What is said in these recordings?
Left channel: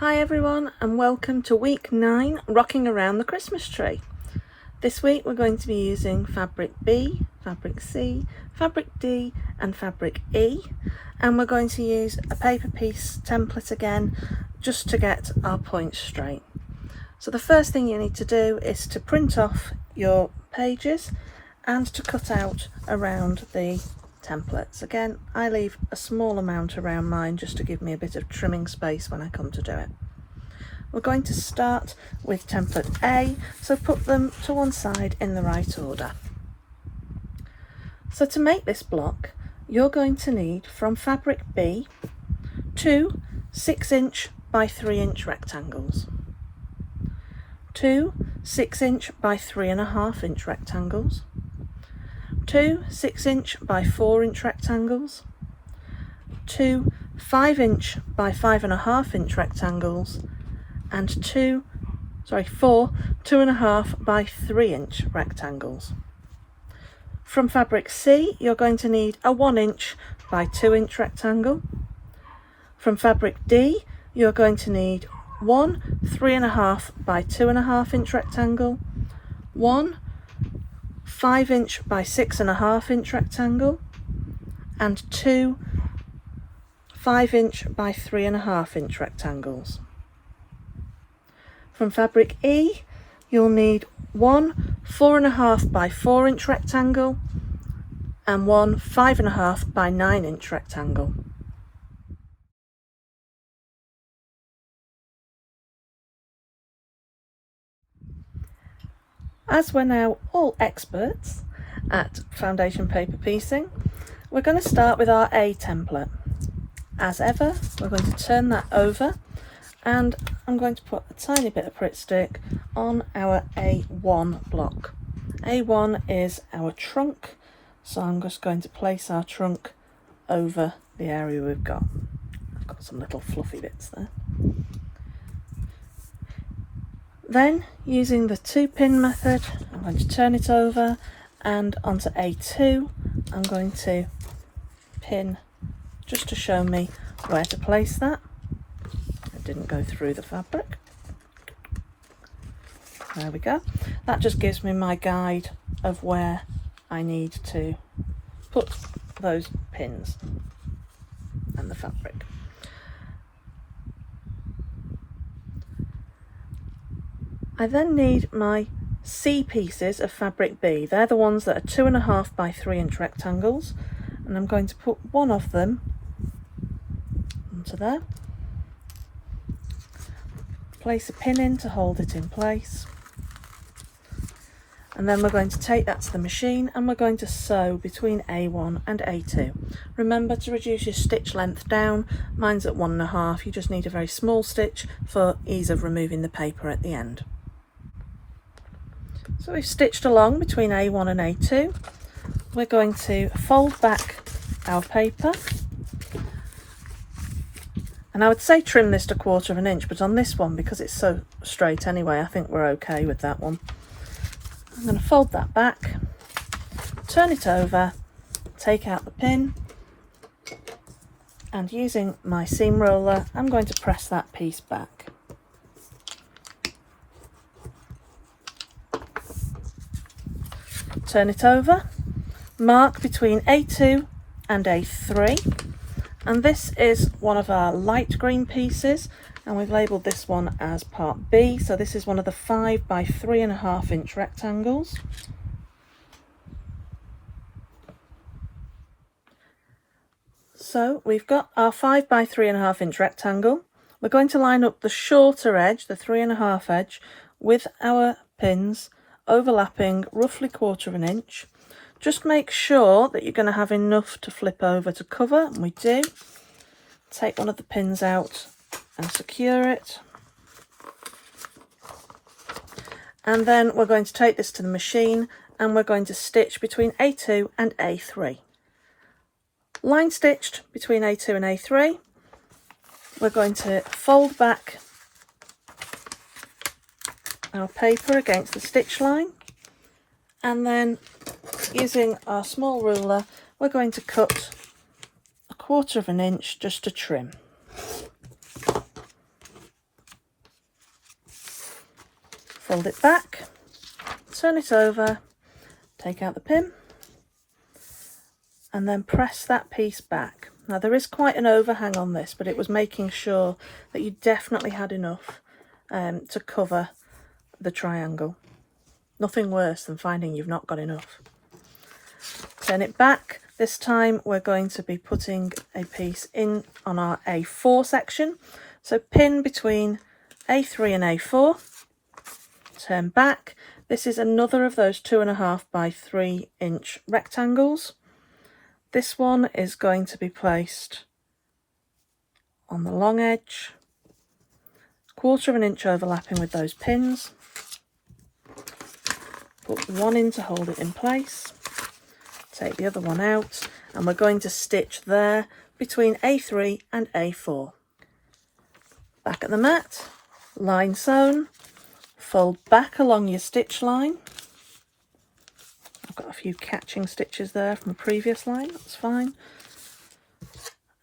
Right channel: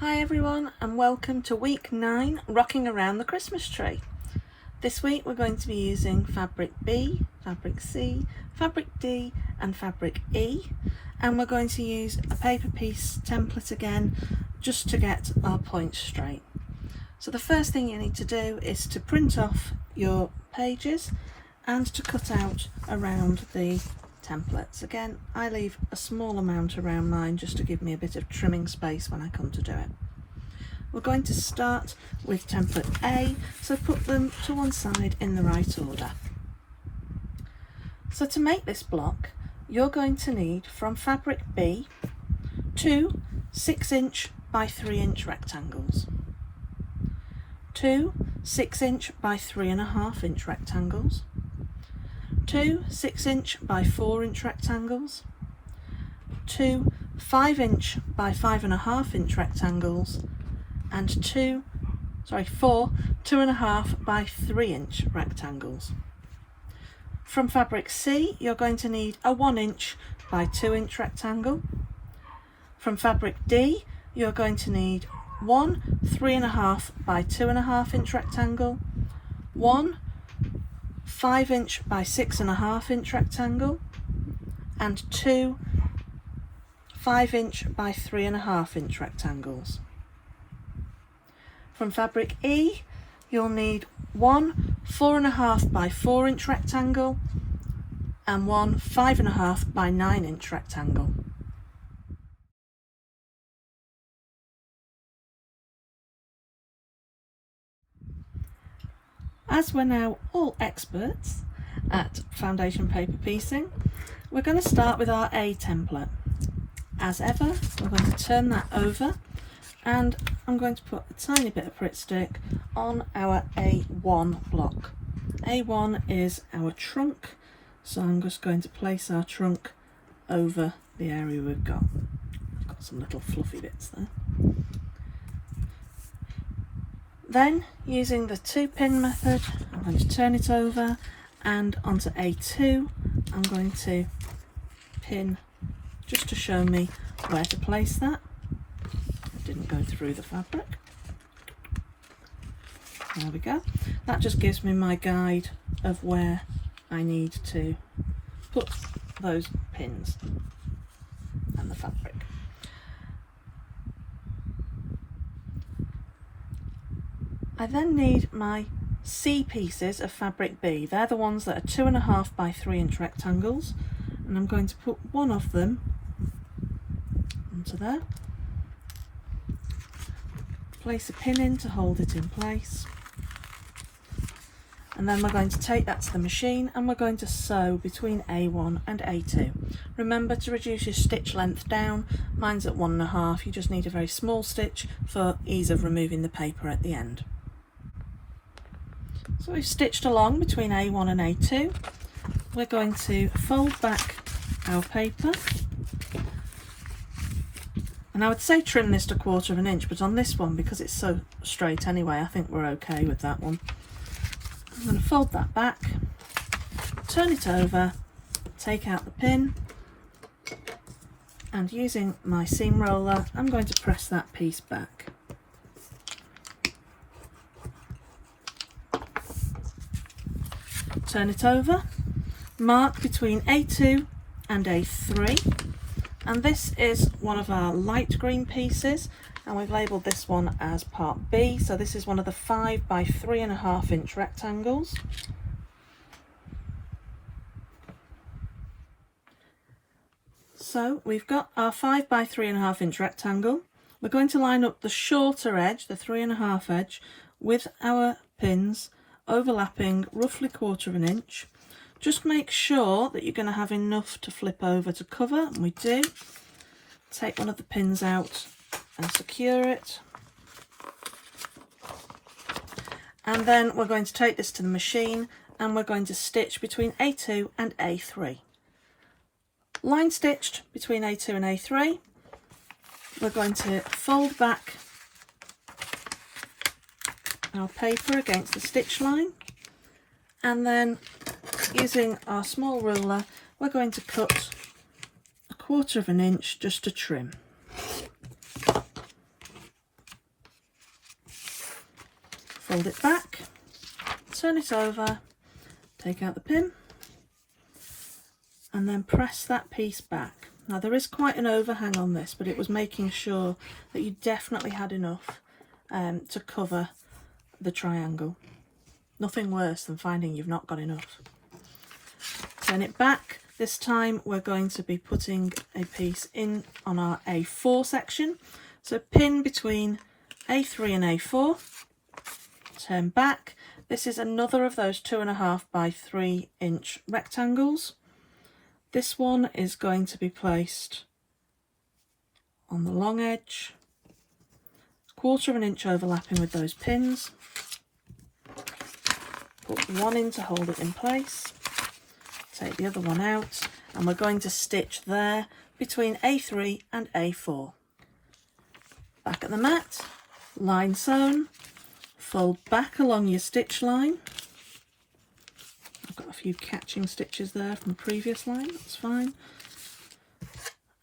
Hi everyone and welcome to week 9 rocking around the Christmas tree. This week we're going to be using fabric B, fabric C, fabric D and fabric E, and we're going to use a paper piece template again just to get our points straight. So the first thing you need to do is to print off your pages and to cut out around the templates. Again, I leave a small amount around mine just to give me a bit of trimming space when I come to do it. We're going to start with template A, so put them to one side in the right order. So to make this block, you're going to need from fabric B 2 6" by 3" rectangles, 2 6" by 3.5" rectangles, 2 6" by 4" rectangles, 2 5" by 5.5" rectangles, and 4 2.5" by 3" rectangles. From fabric C, you're going to need a 1" by 2" rectangle. From fabric D, you're going to need 1 3.5" by 2.5" rectangle, 1 5" by 6.5" rectangle, and 2 5" by 3.5" rectangles. From fabric E, you'll need 1 4.5" by 4" rectangle and 1 5.5" by 9" rectangle. As we're now all experts at foundation paper piecing, we're going to start with our A template. As ever, we're going to turn that over and I'm going to put a tiny bit of Pritt stick on our A1 block. A1 is our trunk, so I'm just going to place our trunk over the area we've got. I've got some little fluffy bits there. Then, using the 2-pin method, I'm going to turn it over, and onto A2 I'm going to pin just to show me where to place that. It didn't go through the fabric. There we go. That just gives me my guide of where I need to put those pins and the fabric. I then need my C pieces of fabric B. They're the ones that are 2.5" by 3" rectangles, and I'm going to put one of them onto there. Place a pin in to hold it in place, and then we're going to take that to the machine and we're going to sew between A1 and A2. Remember to reduce your stitch length down. Mine's at 1.5. You just need a very small stitch for ease of removing the paper at the end. So we've stitched along between A1 and A2. We're going to fold back our paper, and I would say trim this to 1/4 inch, but on this one, because it's so straight anyway, I think we're okay with that one. I'm going to fold that back, turn it over, take out the pin, and using my seam roller I'm going to press that piece back. Turn it over, mark between A2 and A3, and this is one of our light green pieces, and we've labelled this one as part B, so this is one of the 5 by 3.5" rectangles. So we've got our 5 by 3.5" rectangle. We're going to line up the shorter edge, the 3.5 edge, with our pins overlapping roughly 1/4 inch. Just make sure that you're going to have enough to flip over to cover, and we do. Take one of the pins out and secure it, and then we're going to take this to the machine and we're going to stitch between A2 and A3. Line stitched between A2 and A3, we're going to fold back our paper against the stitch line, and then using our small ruler we're going to cut 1/4 inch just to trim. fold it back, turn it over, take out the pin, and then press that piece back. Now there is quite an overhang on this, but it was making sure that you definitely had enough to cover the triangle. Nothing worse than finding you've not got enough. Turn it back. This time we're going to be putting a piece in on our A4 section. So pin between A3 and A4, turn back. This is another of those 2.5 by 3 inch rectangles. This one is going to be placed on the long edge, 1/4 inch overlapping with those pins. Put one in to hold it in place, take the other one out, and we're going to stitch there between A3 and A4. Back at the mat, line sewn, fold back along your stitch line. I've got a few catching stitches there from the previous line, that's fine.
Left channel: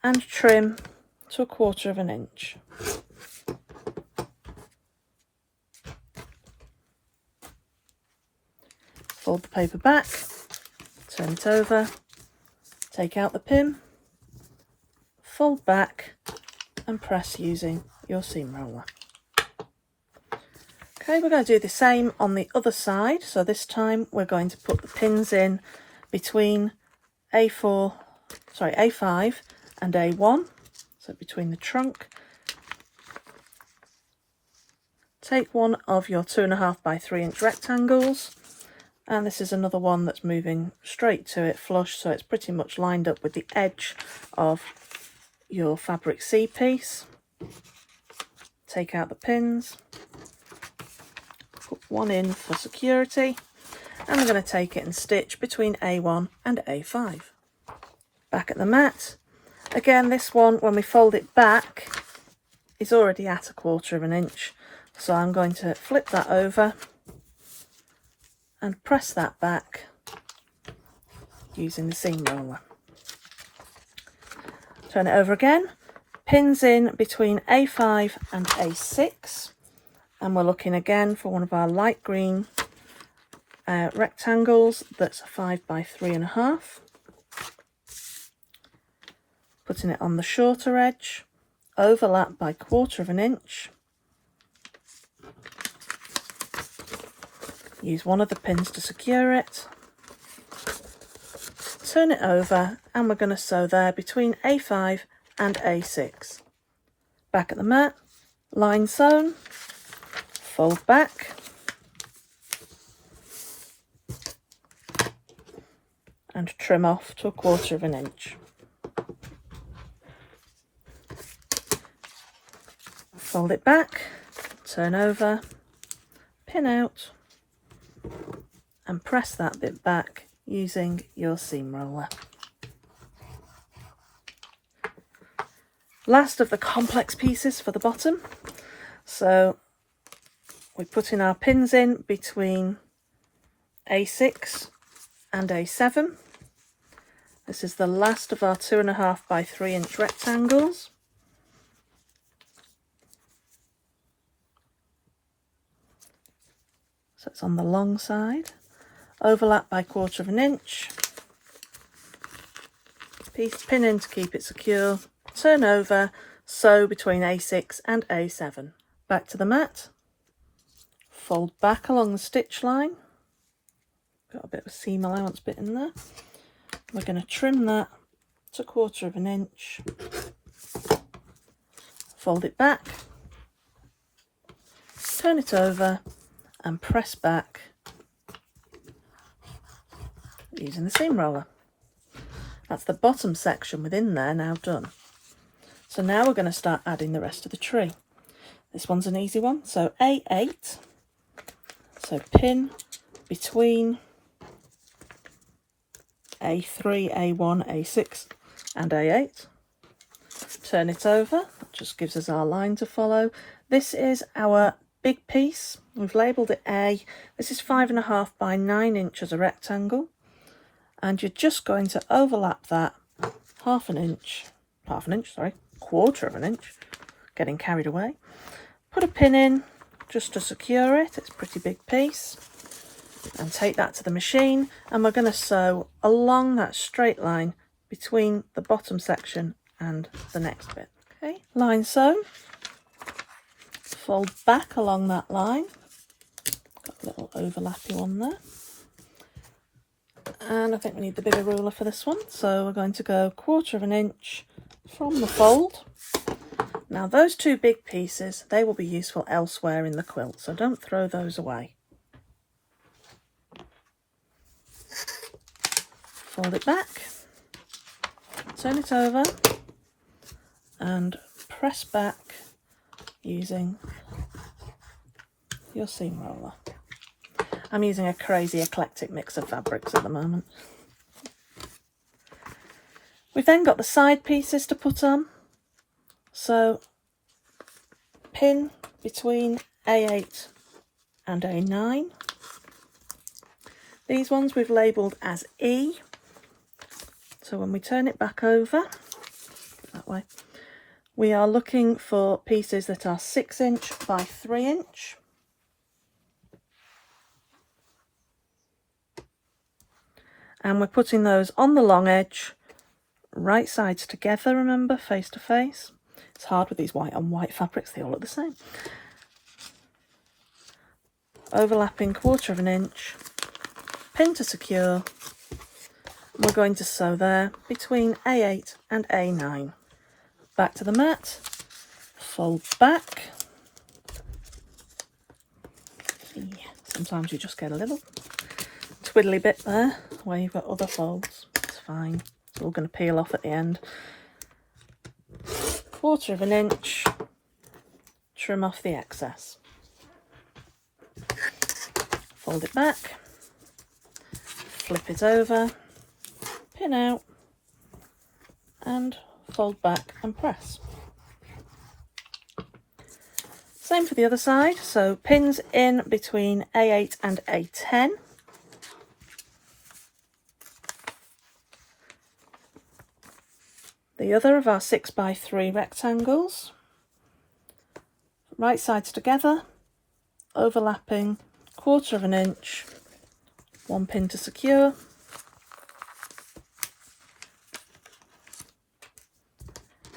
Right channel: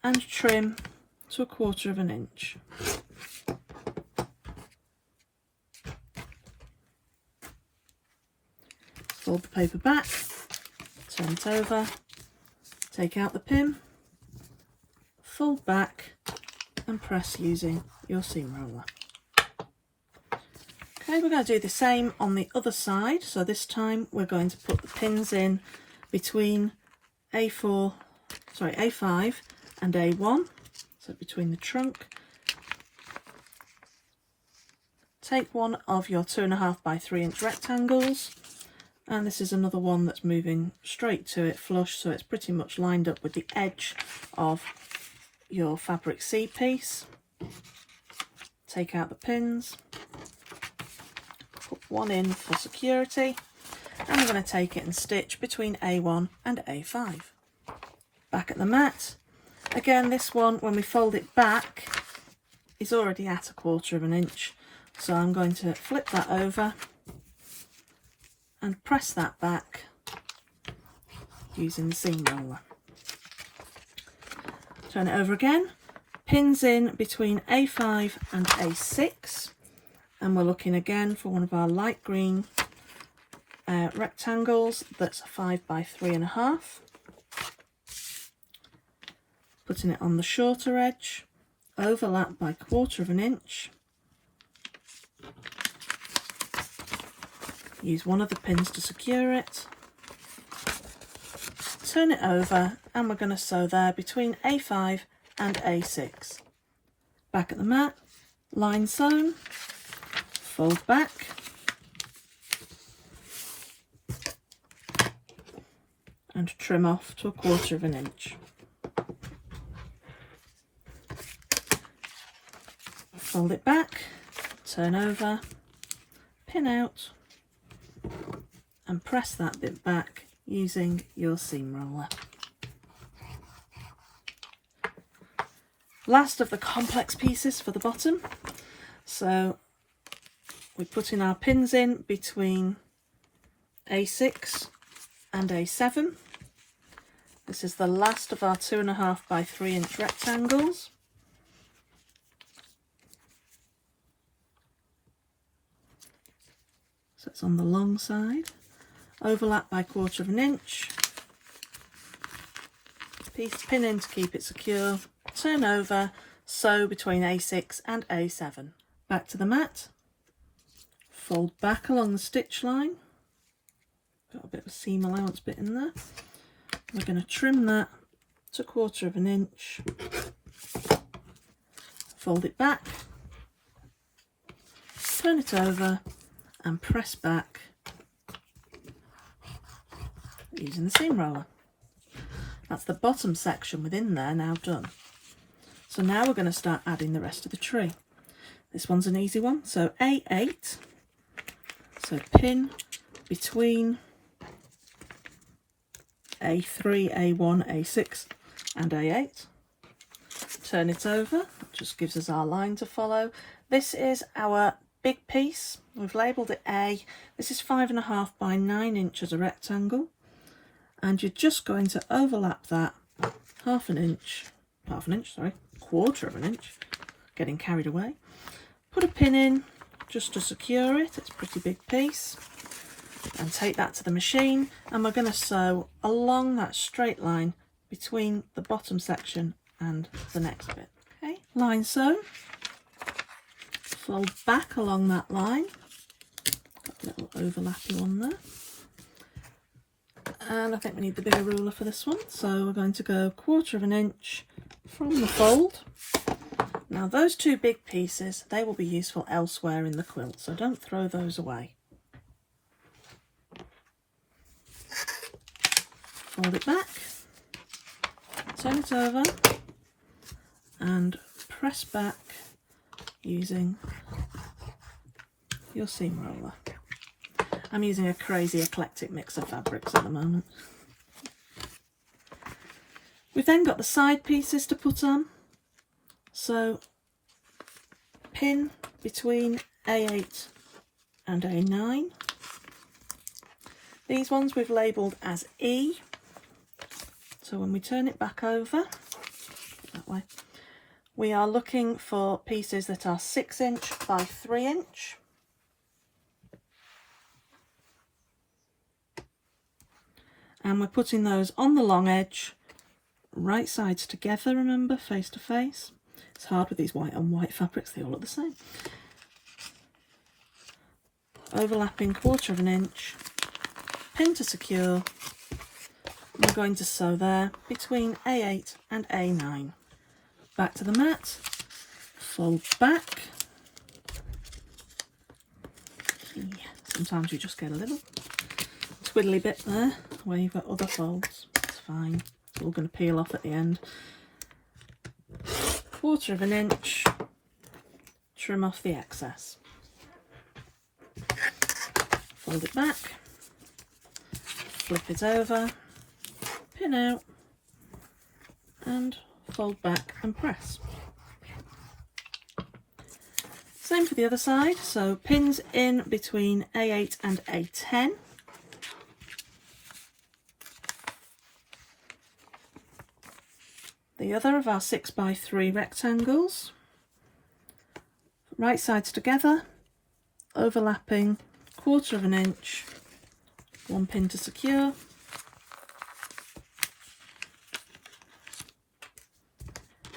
And trim to 1/4 inch. Fold the paper back, turn it over, take out the pin, fold back and press using your seam roller. Okay, we're going to do the same on the other side. So this time we're going to put the pins in between A5 and A1, so between the trunk. Take one of your 2.5 by 3 inch rectangles, and this is another one that's moving straight to it, flush, so it's pretty much lined up with the edge of your fabric C piece. Take out the pins, put one in for security, and I'm going to take it and stitch between A1 and A5. Back at the mat. Again, this one, when we fold it back, is already at 1/4 inch, so I'm going to flip that over and press that back using the seam roller. Turn it over again, pins in between A5 and A6, and we're looking again for one of our light green rectangles that's 5 by 3.5. Putting it on the shorter edge, overlap by 1/4 inch. Use one of the pins to secure it. Turn it over, and we're going to sew there between A5 and A6. Back at the mat, line sewn, fold back, and trim off to 1/4 inch. Fold it back, turn over, pin out, and press that bit back using your seam roller. Last of the complex pieces for the bottom. So we put in our pins in between A6 and A7. This is the last of our 2.5 by 3 inch rectangles. So it's on the long side, overlap by 1/4 inch, pin in to keep it secure, turn over, sew between A6 and A7. Back to the mat, fold back along the stitch line, got a bit of a seam allowance bit in there. We're going to trim that to 1/4 inch, fold it back, turn it over and press back using the seam roller. That's the bottom section within there now done. So now we're going to start adding the rest of the tree. This one's an easy one. So A8, so pin between A3, A1, A6 and A8. Turn it over, that just gives us our line to follow. This is our big piece. We've labelled it A. This is 5.5 by 9 inch as a rectangle, and you're just going to overlap that 1/2 inch, 1/2 inch, sorry, 1/4 inch, getting carried away. Put a pin in, just to secure it. It's a pretty big piece. And take that to the machine, and we're going to sew along that straight line between the bottom section and the next bit. Okay, line sewn. Fold back along that line. Got a little overlappy one there. And I think we need the bigger ruler for this one, so we're going to go 1/4 inch from the fold. Now those two big pieces, they will be useful elsewhere in the quilt, so don't throw those away. Fold it back, turn it over and press back using your seam roller. I'm using a crazy eclectic mix of fabrics at the moment. We've then got the side pieces to put on. So pin between A8 and A9. These ones we've labelled as E. So when we turn it back over, that way, we are looking for pieces that are 6 inch by 3 inch. And we're putting those on the long edge, right sides together, remember, face to face. It's hard with these white on white fabrics, they all look the same. Overlapping 1/4 inch, pin to secure. We're going to sew there between A8 and A9. Back to the mat, fold back. Yeah, sometimes you just get a little twiddly bit there where you've got other folds. It's fine, it's all going to peel off at the end. 1/4 inch, trim off the excess. Fold it back, flip it over, pin out and fold back and press. Same for the other side, so pins in between A8 and A10. The other of our 6 by 3 rectangles, right sides together, overlapping 1/4 inch, 1 pin to secure.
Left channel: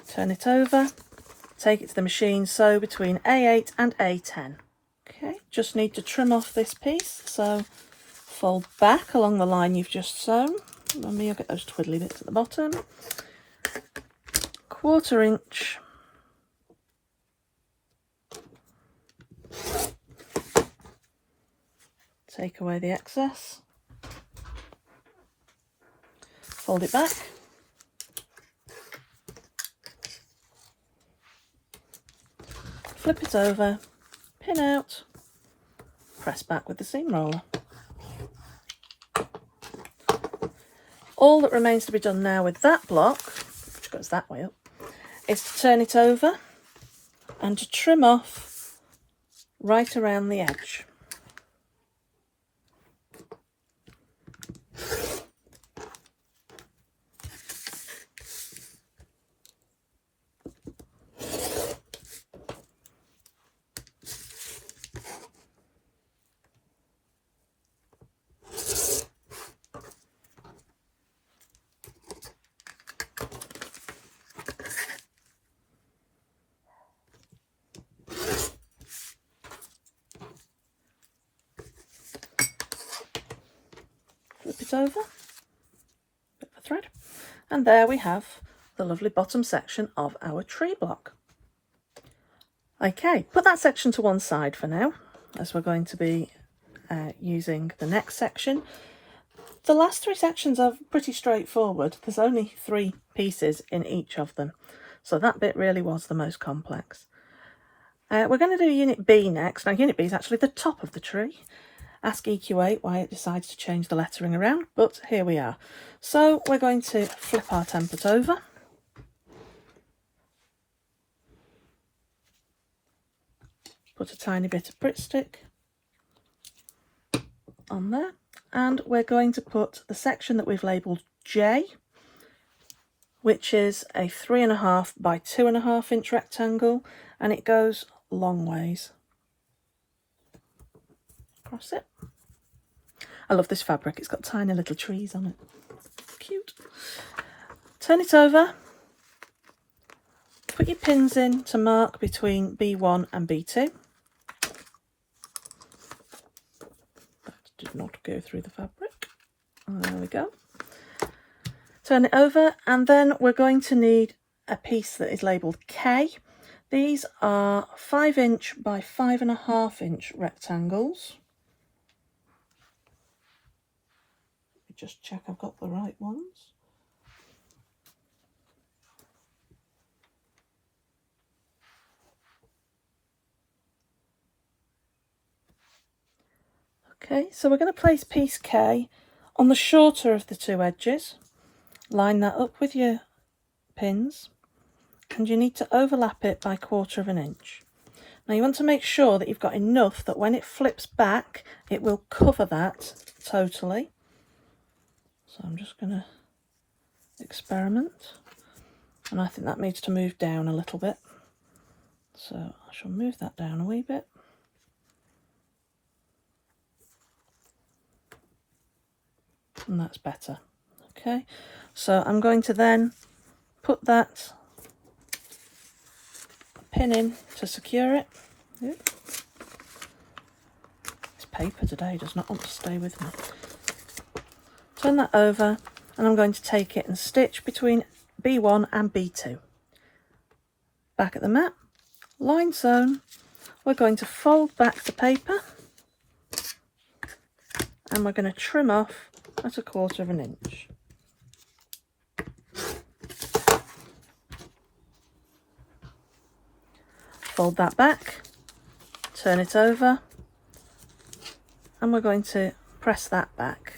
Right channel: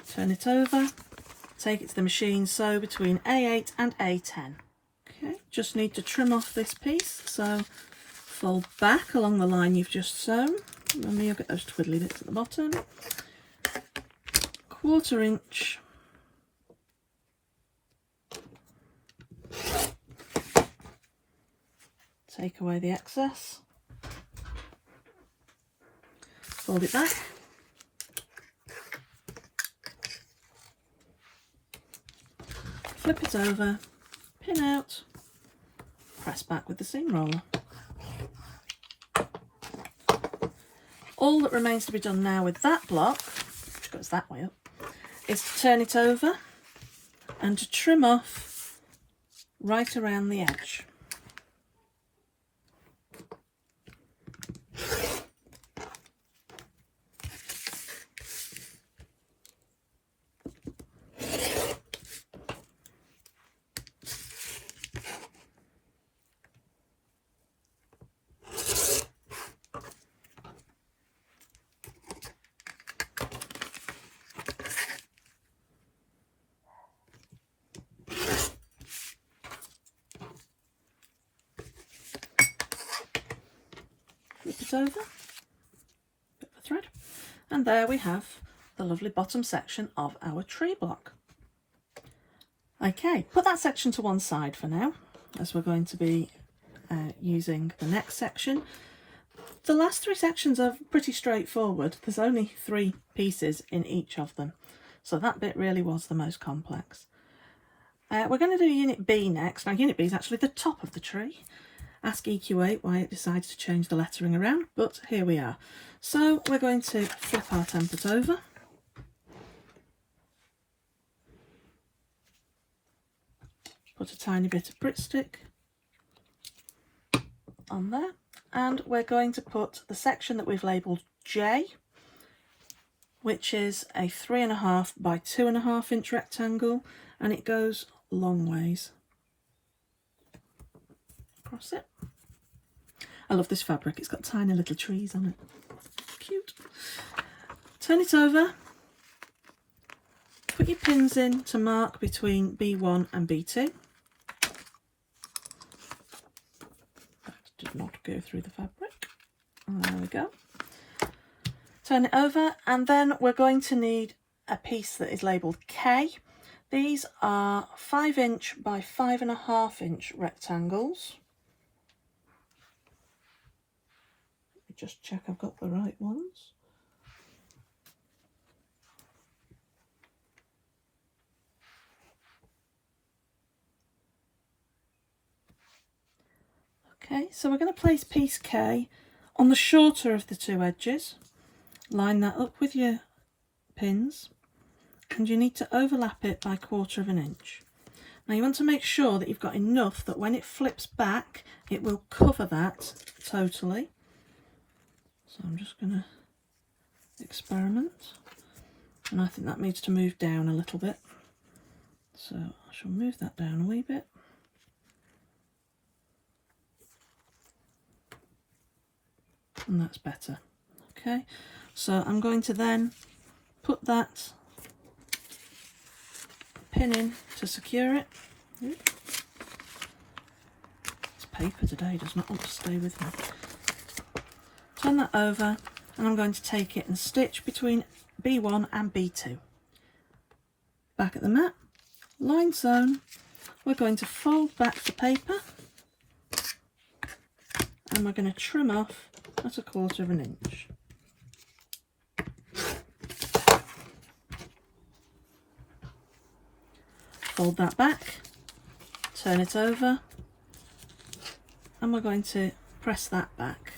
Turn it over, take it to the machine, sew between A8 and A10. Okay, just need to trim off this piece, so fold back along the line you've just sewn. Remember, you'll get those twiddly bits at the bottom. 1/4 inch. Take away the excess. Fold it back. Flip it over, pin out, press back with the seam roller. All that remains to be done now with that block, which goes that way up, is to turn it over and to trim off right around the edge. Flip it over, bit of a thread, and there we have the lovely bottom section of our tree block. Okay, put that section to one side for now, as we're going to be using the next section. The last 3 sections are pretty straightforward. There's only 3 pieces in each of them, so that bit really was the most complex. We're going to do Unit B next. Now, Unit B is actually the top of the tree. Ask EQ8 why it decides to change the lettering around, but here we are. So we're going to flip our template over. Put a tiny bit of Brit stick on there, and we're going to put the section that we've labelled J, which is a 3.5 by 2.5 inch rectangle, and it goes long ways. across it. I love this fabric, it's got tiny little trees on it. Cute. Turn it over. Put your pins in to mark between B1 and B2. That did not go through the fabric. There we go. Turn it over, and then we're going to need a piece that is labelled K. These are 5" by 5.5" rectangles. Let me just check I've got the right ones. Okay, so we're going to place piece K on the shorter of the two edges. Line that up with your pins, and you need to overlap it by 1/4 inch. Now you want to make sure that you've got enough that when it flips back, it will cover that totally. So I'm just going to experiment, and I think that needs to move down a little bit. So I shall move that down a wee bit. And that's better. Okay, so I'm going to then put that pin in to secure it. This paper today does not want to stay with me. Turn that over, and I'm going to take it and stitch between B1 and B2. Back at the mat, line sewn. We're going to fold back the paper, and we're going to trim off at 1/4 inch. Fold that back, turn it over, and we're going to press that back.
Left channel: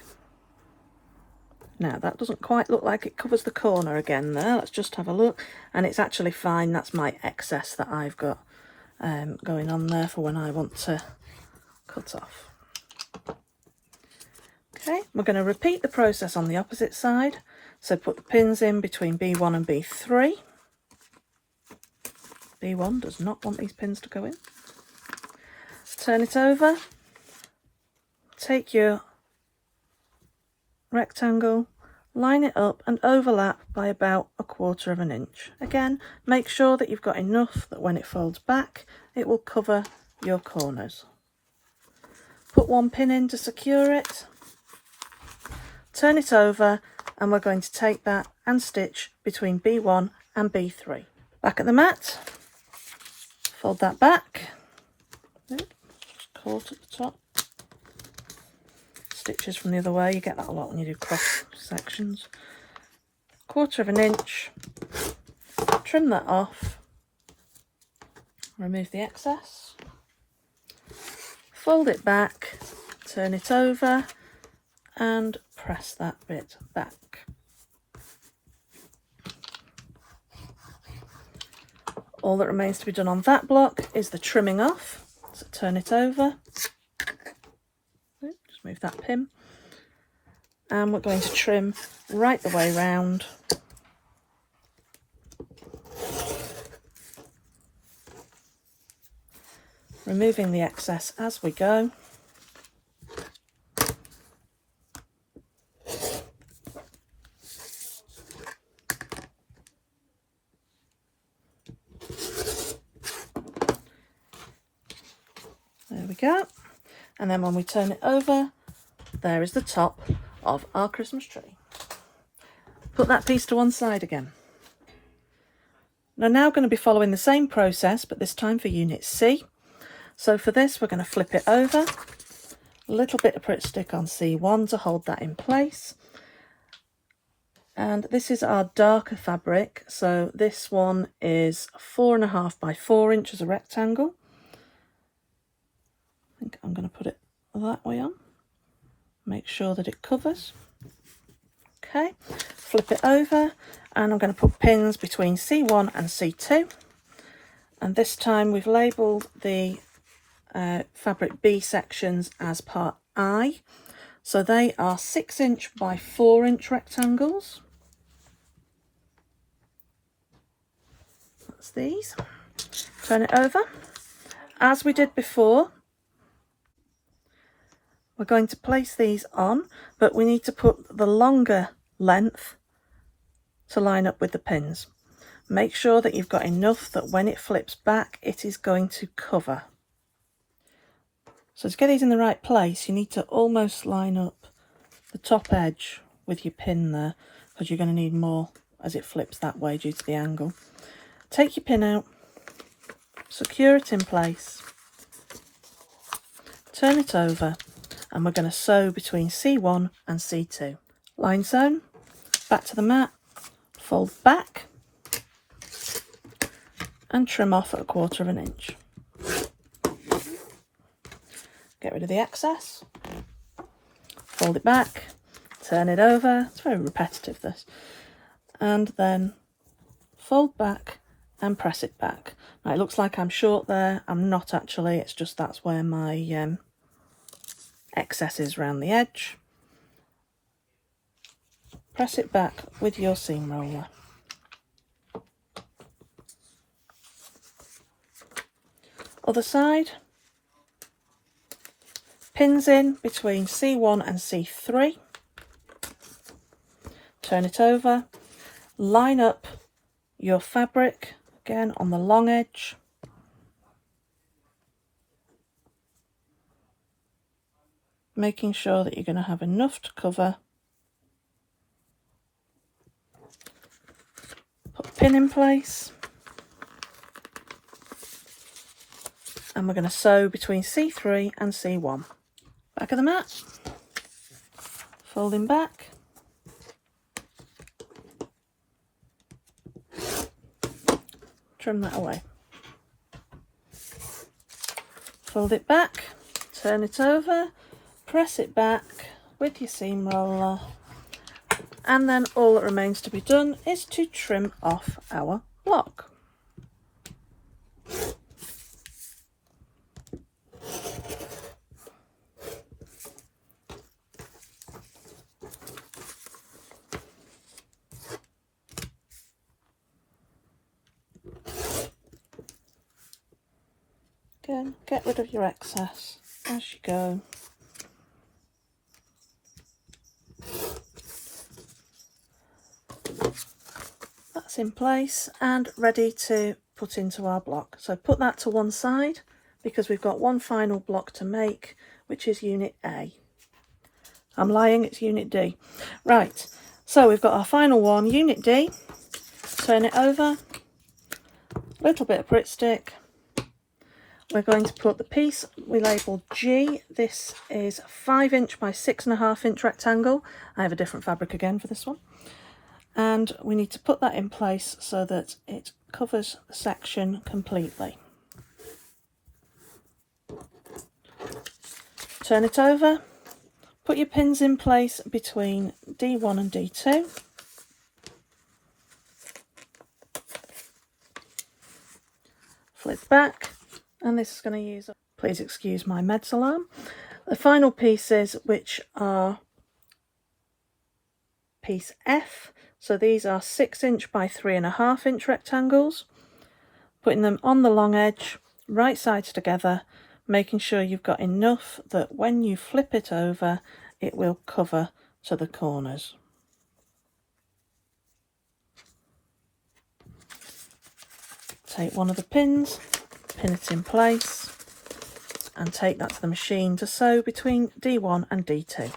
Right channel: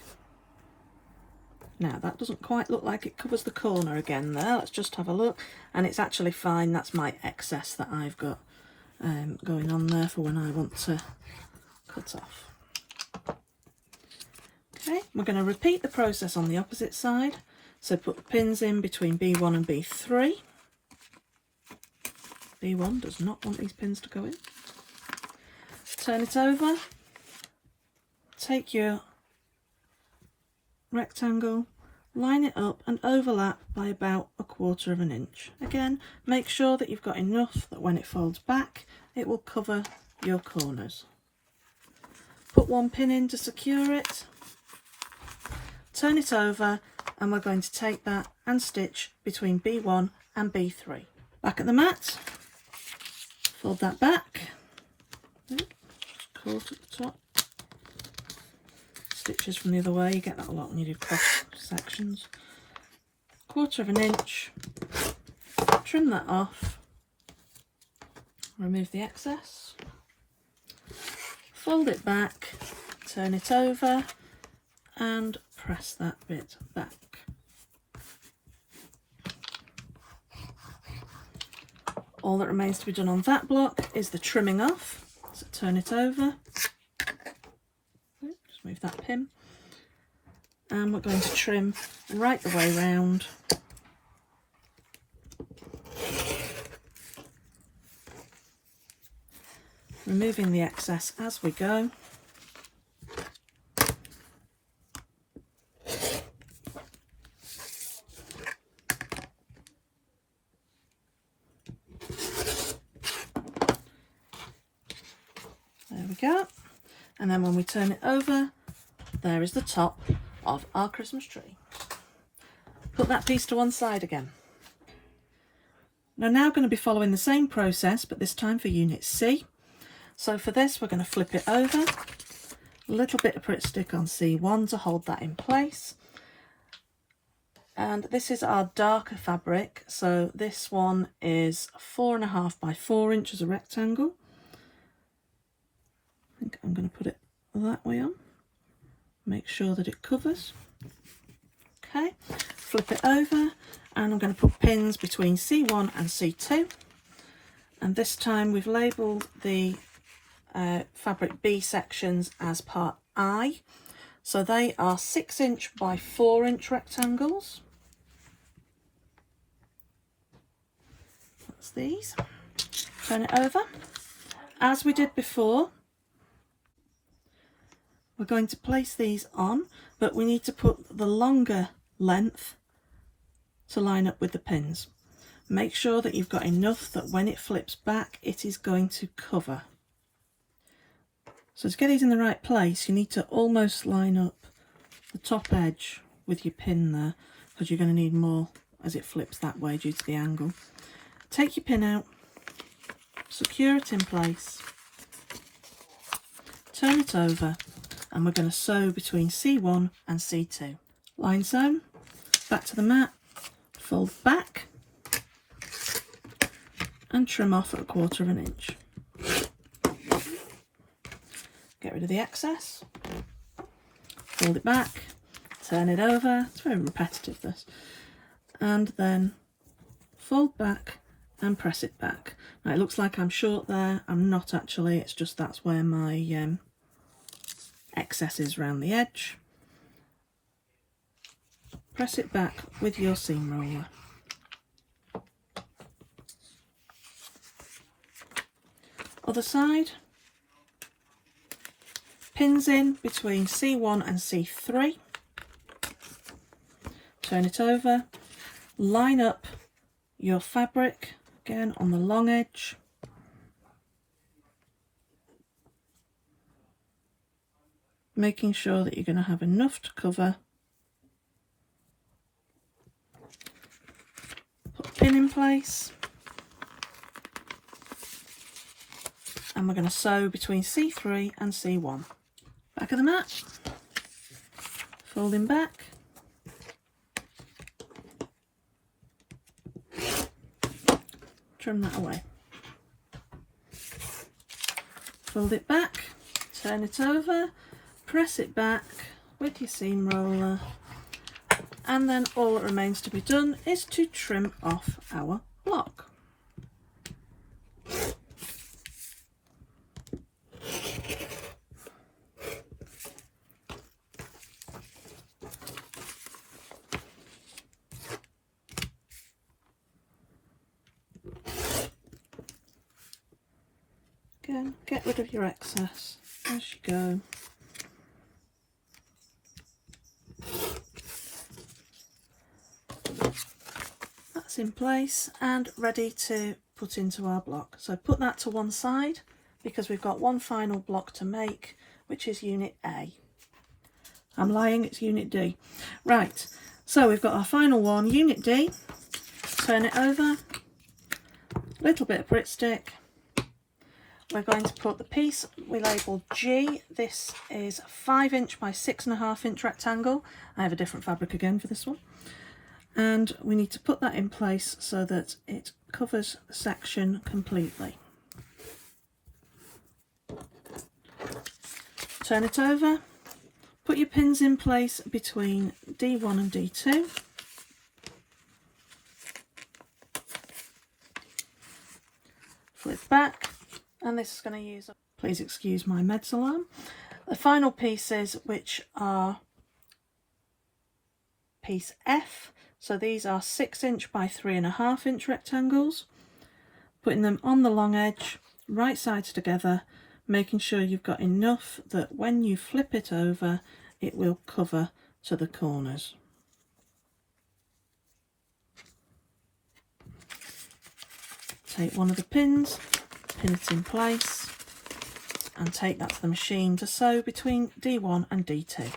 Now that doesn't quite look like it covers the corner again there. Let's just have a look, and it's actually fine. That's my excess that I've got going on there for when I want to cut off. Okay, we're going to repeat the process on the opposite side. So put the pins in between B1 and B3. B1 does not want these pins to go in. Turn it over. Take your rectangle, line it up and overlap by about 1/4 inch. Again, make sure that you've got enough that when it folds back, it will cover your corners. Put one pin in to secure it. Turn it over, and we're going to take that and stitch between B1 and B3. Back at the mat, fold that back, just caught at the top. Stitches from the other way, you get that a lot when you do cross sections. 1/4 inch, trim that off, remove the excess, fold it back, turn it over, and press that bit back. All that remains to be done on that block is the trimming off. So turn it over, just move that pin, and we're going to trim right the way round. Removing the excess as we go. There we go. And then when we turn it over, there is the top of our Christmas tree. Put that piece to one side again. We're now going to be following the same process, but this time for Unit C. So for this, we're going to flip it over, a little bit of Pritt stick on C1 to hold that in place. And this is our darker fabric. So this one is 4.5 by 4 inches, a rectangle. I think I'm going to put it that way on. Make sure that it covers. Okay, flip it over, and I'm going to put pins between C1 and C2. And this time we've labelled the fabric B sections as part I. So they are 6 inch by 4 inch rectangles. That's these. Turn it over. As we did before, we're going to place these on, but we need to put the longer length to line up with the pins. Make sure that you've got enough that when it flips back, it is going to cover. So to get these in the right place, you need to almost line up the top edge with your pin there, because you're going to need more as it flips that way due to the angle. Take your pin out, secure it in place, turn it over, and we're going to sew between C1 and C2. Line sewn, back to the mat, fold back, and trim off at 1/4 inch. Get rid of the excess, fold it back, turn it over, it's very repetitive this, and then fold back and press it back. Now it looks like I'm short there, I'm not actually, it's just that's where my excess is around the edge. Press it back with your seam roller. Other side. Pins in between C1 and C3. Turn it over. Line up your fabric again on the long edge. Making sure that you're going to have enough to cover. Put a pin in place. And we're going to sew between C3 and C1. Back of the mat, folding back, trim that away, fold it back, turn it over, press it back with your seam roller, and then all that remains to be done is to trim off our block. Again, get rid of your excess as you go. That's in place and ready to put into our block. So put that to one side because we've got one final block to make, which is unit A. I'm lying, it's unit D. Right, so we've got our final one, unit D. Turn it over, little bit of Pritt stick. We're going to put the piece we labelled G. This is 5 inch by 6.5 inch rectangle. I have a different fabric again for this one. And we need to put that in place so that it covers the section completely. Turn it over. Put your pins in place between D1 and D2. Flip back. And this is going to use, please excuse my meds alarm, the final pieces, which are piece F. So these are 6 inch by 3.5 inch rectangles. Putting them on the long edge, right sides together, making sure you've got enough that when you flip it over, it will cover to the corners. Take one of the pins, pin it in place, and take that to the machine to sew between D1 and D2.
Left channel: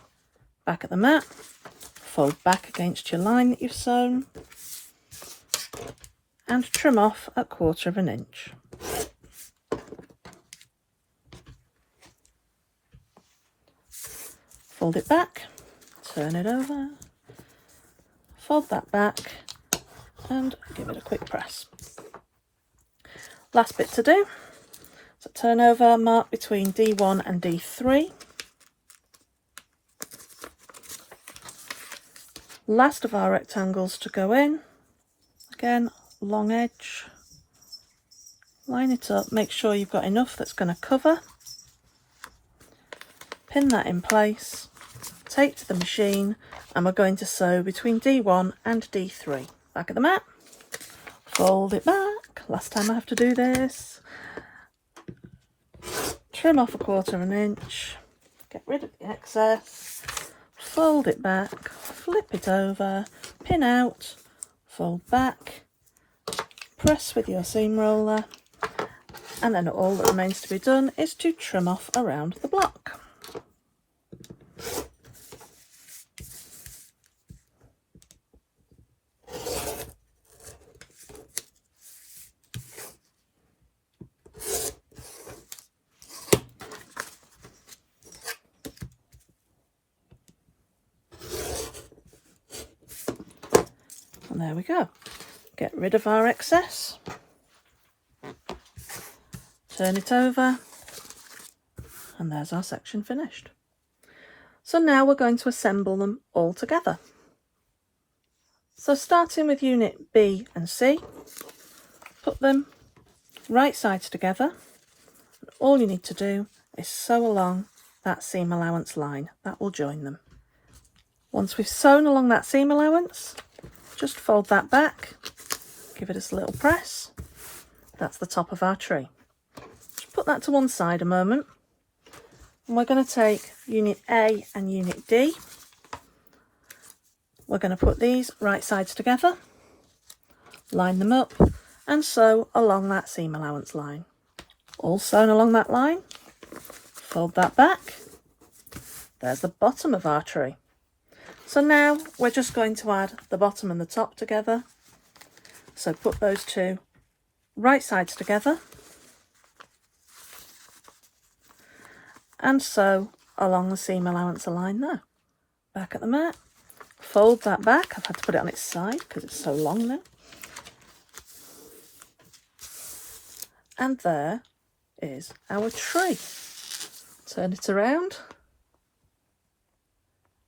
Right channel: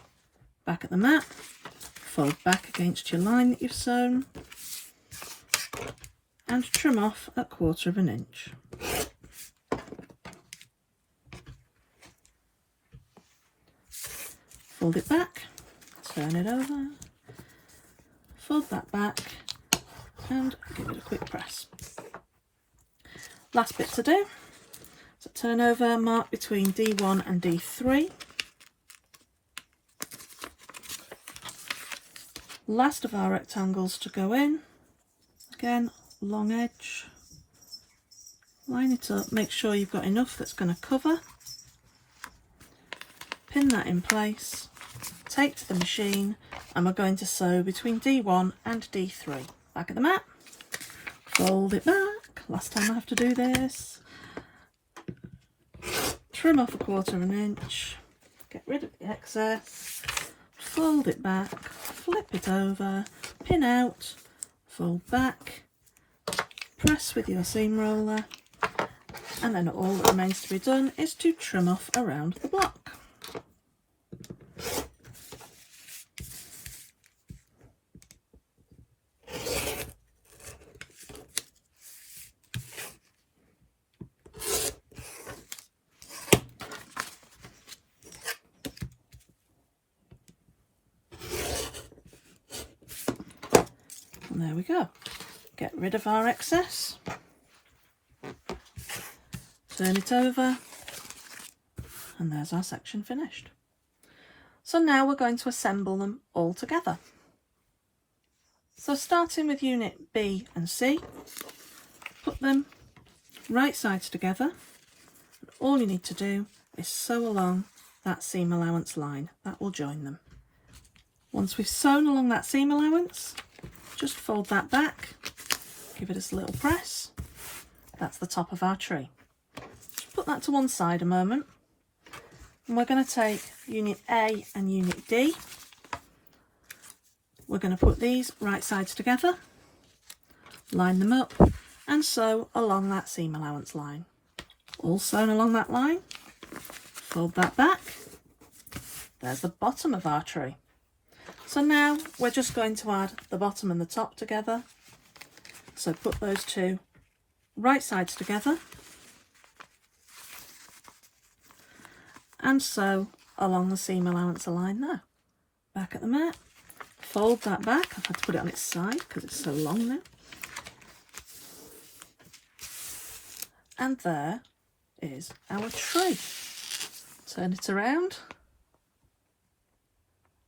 Back at the mat, fold back against your line that you've sewn, and trim off at 1/4 inch. Fold it back, turn it over, fold that back, and give it a quick press. Last bit to do, so turn over, mark between D1 and D3. Last of our rectangles to go in, again, long edge, line it up, make sure you've got enough that's going to cover, pin that in place, take to the machine, and we're going to sew between D1 and D3. Back at the mat, fold it back. Last time I have to do this. Trim off 1/4 inch. get rid of the excess, fold it back, flip it over, pin out, fold back, press with your seam roller, and then all that remains to be done is to trim off around the block. And there we go. Get rid of our excess, turn it over, and there's our section finished. So now we're going to assemble them all together. So starting with unit B and C, put them right sides together. All you need to do is sew along that seam allowance line. That will join them. Once we've sewn along that seam allowance, just fold that back, give it a little press. That's the top of our tree. Just put that to one side a moment. And we're going to take unit A and unit D. We're going to put these right sides together, line them up, and sew along that seam allowance line. All sewn along that line, fold that back. There's the bottom of our tree. So now we're just going to add the bottom and the top together. So put those two right sides together and sew along the seam allowance line there. Back at the mat, fold that back. I've had to put it on its side because it's so long now. And there is our tree. Turn it around.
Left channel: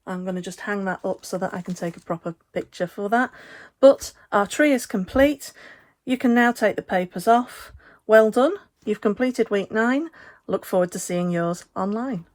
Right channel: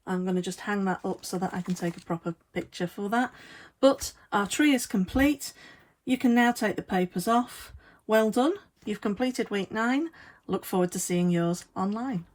I'm going to just hang that up so that I can take a proper picture for that. But our tree is complete. You can now take the papers off. Well done. You've completed week 9. Look forward to seeing yours online.